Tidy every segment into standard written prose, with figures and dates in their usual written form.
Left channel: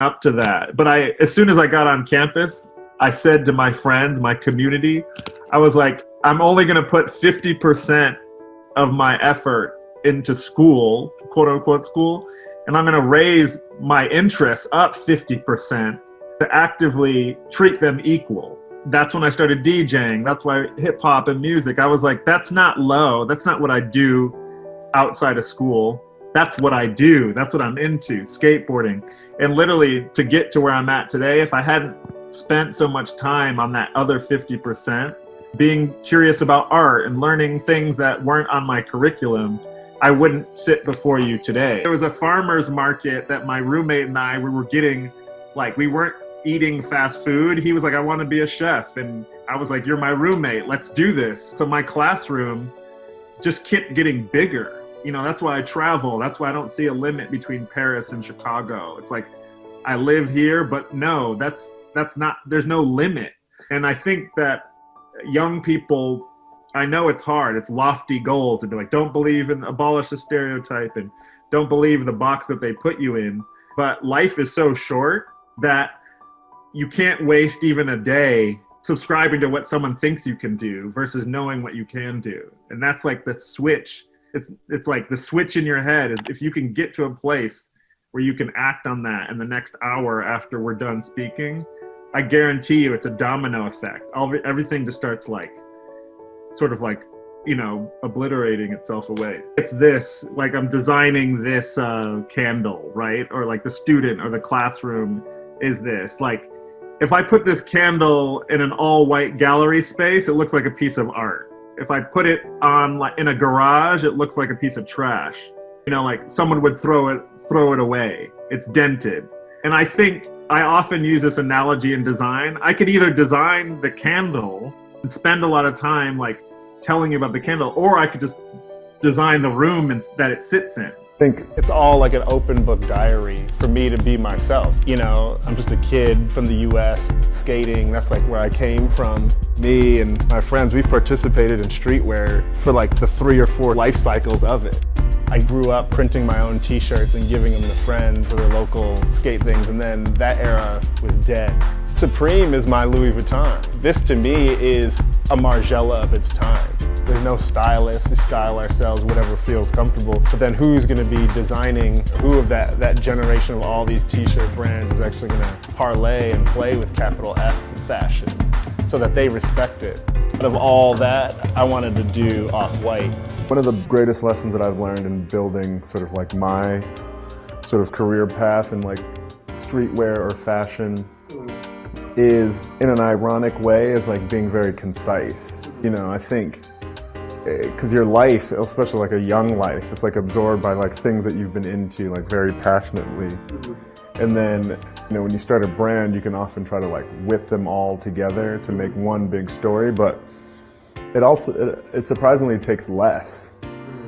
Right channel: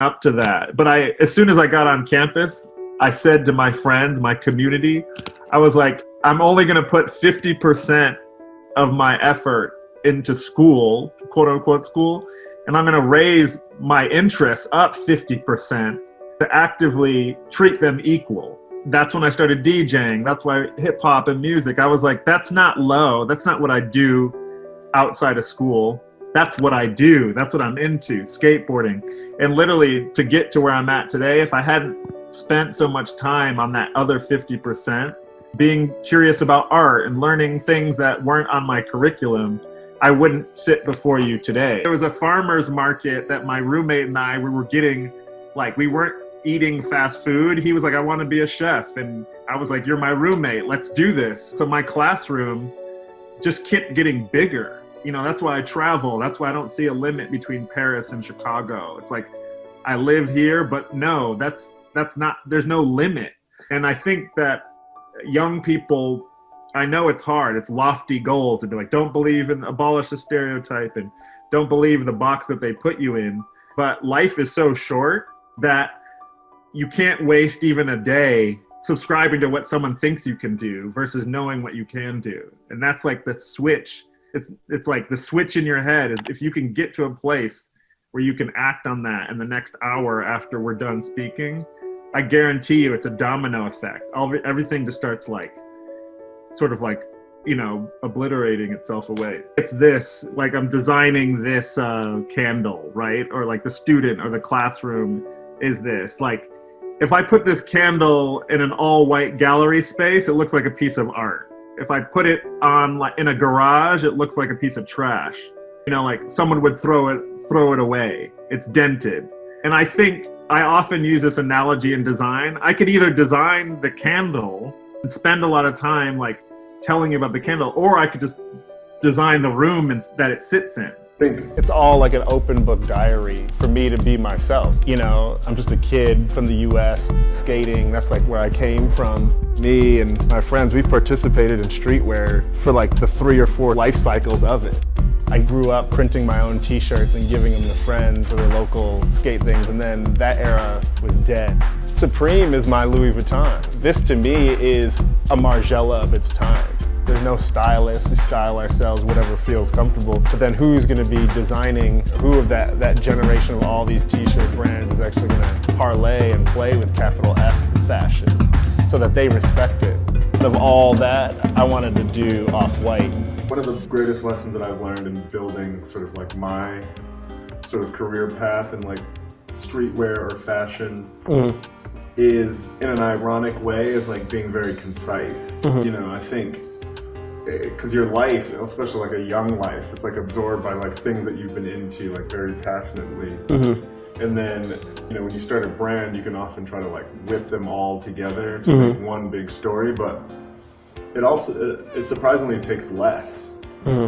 up to that. But as soon as I got on campus, I said to my friends, my community, I was like, I'm only going to put 50% of my effort into school, quote unquote school, and I'm going to raise my interests up 50% to actively treat them equal. That's when I started DJing. That's why hip hop and music. I was like, that's not low. That's not what I do outside of school. That's what I do. That's what I'm into, skateboarding. And literally to get to where I'm at today, if I hadn't spent so much time on that other 50%, being curious about art and learning things that weren't on my curriculum, I wouldn't sit before you today. There was a farmer's market that my roommate and I, we were getting, like, we weren't eating fast food. He was like, I want to be a chef. And I was like, you're my roommate. Let's do this. So my classroom just kept getting bigger. You know, that's why I travel. That's why I don't see a limit between Paris and Chicago. It's like, I live here, but no, that's not, there's no limit. And I think that young people, I know it's hard. It's lofty goals to be like, don't believe in, abolish the stereotype and don't believe the box that they put you in. But life is so short that you can't waste even a day subscribing to what someone thinks you can do versus knowing what you can do. And that's like the switch. It's like the switch in your head is if you can get to a place where you can act on that in the next hour after we're done speaking, I guarantee you it's a domino effect. Everything just starts like, sort of like, you know, obliterating itself away. It's this, like I'm designing this candle, right? Or like the student or the classroom is this. Like if I put this candle in an all white gallery space, it looks like a piece of art. If I put it on like in a garage, it looks like a piece of trash. You know, like someone would throw it away. It's dented. And I think I often use this analogy in design. I could either design the candle and spend a lot of time like telling you about the candle, or I could just design the room that it sits in. I think it's all like an open book diary for me to be myself. You know, I'm just a kid from the US skating. That's like where I came from. Me and my friends, we participated in streetwear for like the 3 or 4 life cycles of it. I grew up printing my own t-shirts and giving them to friends for their local skate things, and then that era was dead. Supreme is my Louis Vuitton. This to me is a Margiela of its time. There's no stylist, we style ourselves, whatever feels comfortable. But then who's gonna be designing, who of that generation of all these t-shirt brands is actually gonna parlay and play with capital F fashion so that they respect it. Out of all that, I wanted to do Off-White. One of the greatest lessons that I've learned in building sort of like my sort of career path in like streetwear or fashion is, in an ironic way, is like being very concise. You know, I think because your life, especially like a young life, it's like absorbed by like things that you've been into like very passionately. And then, you know, when you start a brand, you can often try to like whip them all together to make one big story, but it surprisingly takes less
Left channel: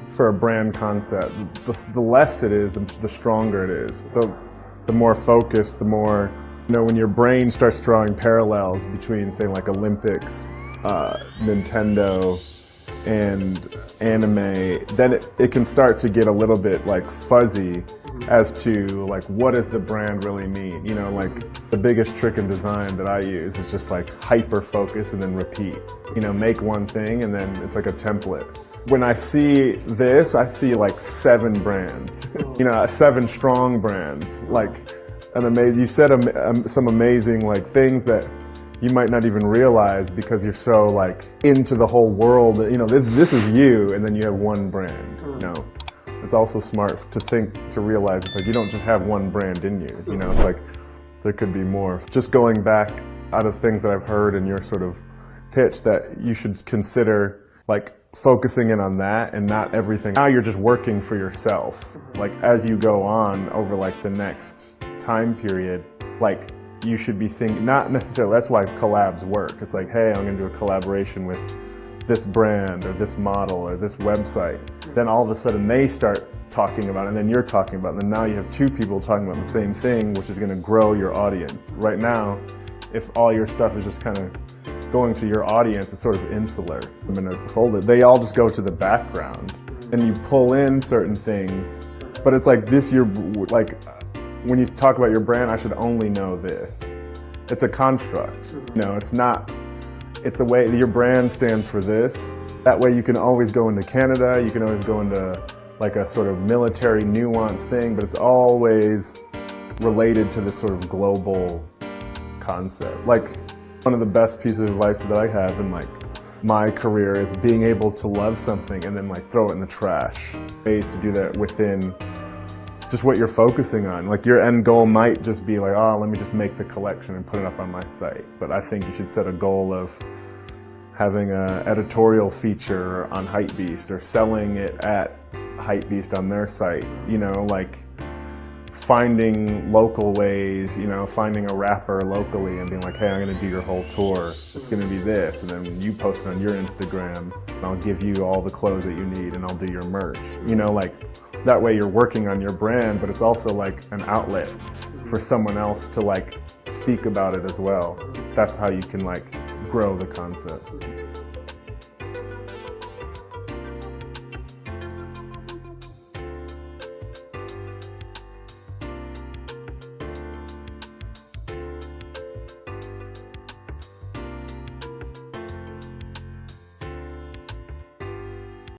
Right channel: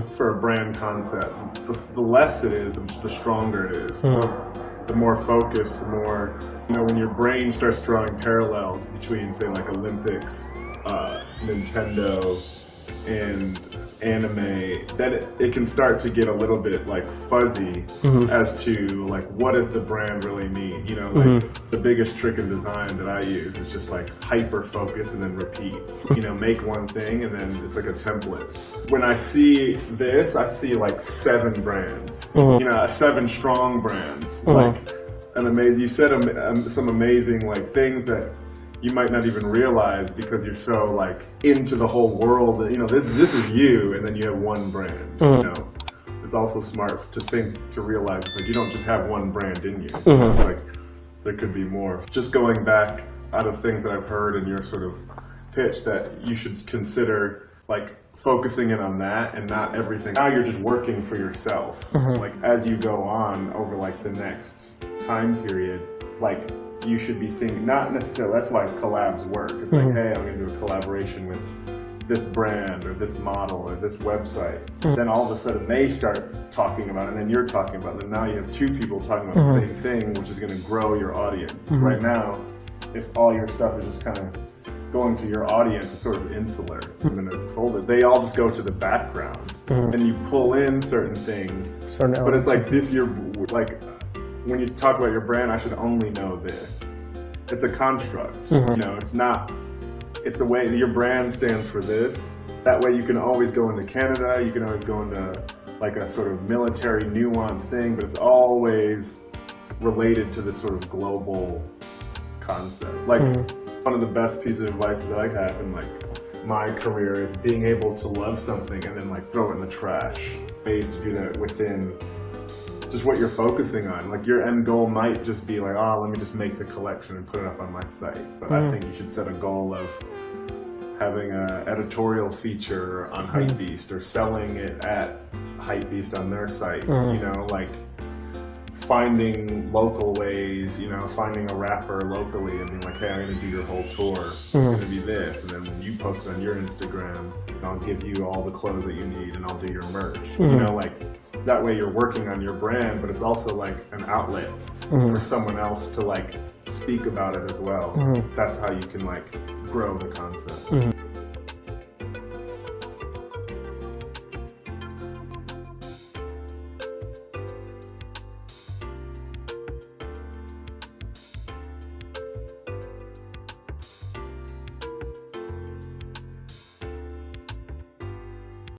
for a brand concept. The less it is, the stronger it is. The more focused, the more, you know, when your brain starts drawing parallels between, say, like Olympics, Nintendo, and anime, then it can start to get a little bit like fuzzy as to like what does the brand really mean. You know, like the biggest trick in design that I use is just like hyper focus and then repeat. You know, make one thing and then it's like a template. When I see this, I see like 7 brands. You know, 7 strong brands. Like you said some amazing like things that you might not even realize because you're so like into the whole world that, you know, this is you, and then you have one brand. You know, it's also smart to realize like you don't just have one brand in you. You know, like there could be more. Just going back out of things that I've heard in your sort of pitch, that you should consider like focusing in on that and not everything. Now you're just working for yourself. Like as you go on over like the next time period, like you should be thinking, not necessarily, that's why collabs work. It's like, hey, I'm gonna do a collaboration with this brand or this model or this website. Then all of a sudden they start talking about it, and then you're talking about it, and now you have 2 people talking about the same thing, which is gonna grow your audience. Right now, if all your stuff is just kind of going to your audience, it's sort of insular. I'm gonna fold it. They all just go to the background. Then you pull in certain things, but it's like this, you're like, when you talk about your brand, I should only know this. It's a construct. You know, it's not, it's a way, your brand stands for this. That way you can always go into Canada, you can always go into like a sort of military nuance thing, but it's always related to this sort of global concept. Like one of the best pieces of advice that I have in like my career is being able to love something and then like throw it in the trash. Ways to do that within just what you're focusing on. Like your end goal might just be like, oh, let me just make the collection and put it up on my site. But I think you should set a goal of having an editorial feature on Hypebeast or selling it at Hypebeast on their site. You know, like finding local ways, you know, finding a rapper locally and being like, hey, I'm gonna do your whole tour. It's gonna be this. And then you post it on your Instagram. And I'll give you all the clothes that you need and I'll do your merch. You know, like that way you're working on your brand, but it's also like an outlet for someone else to like speak about it as well. That's how you can like grow the concept.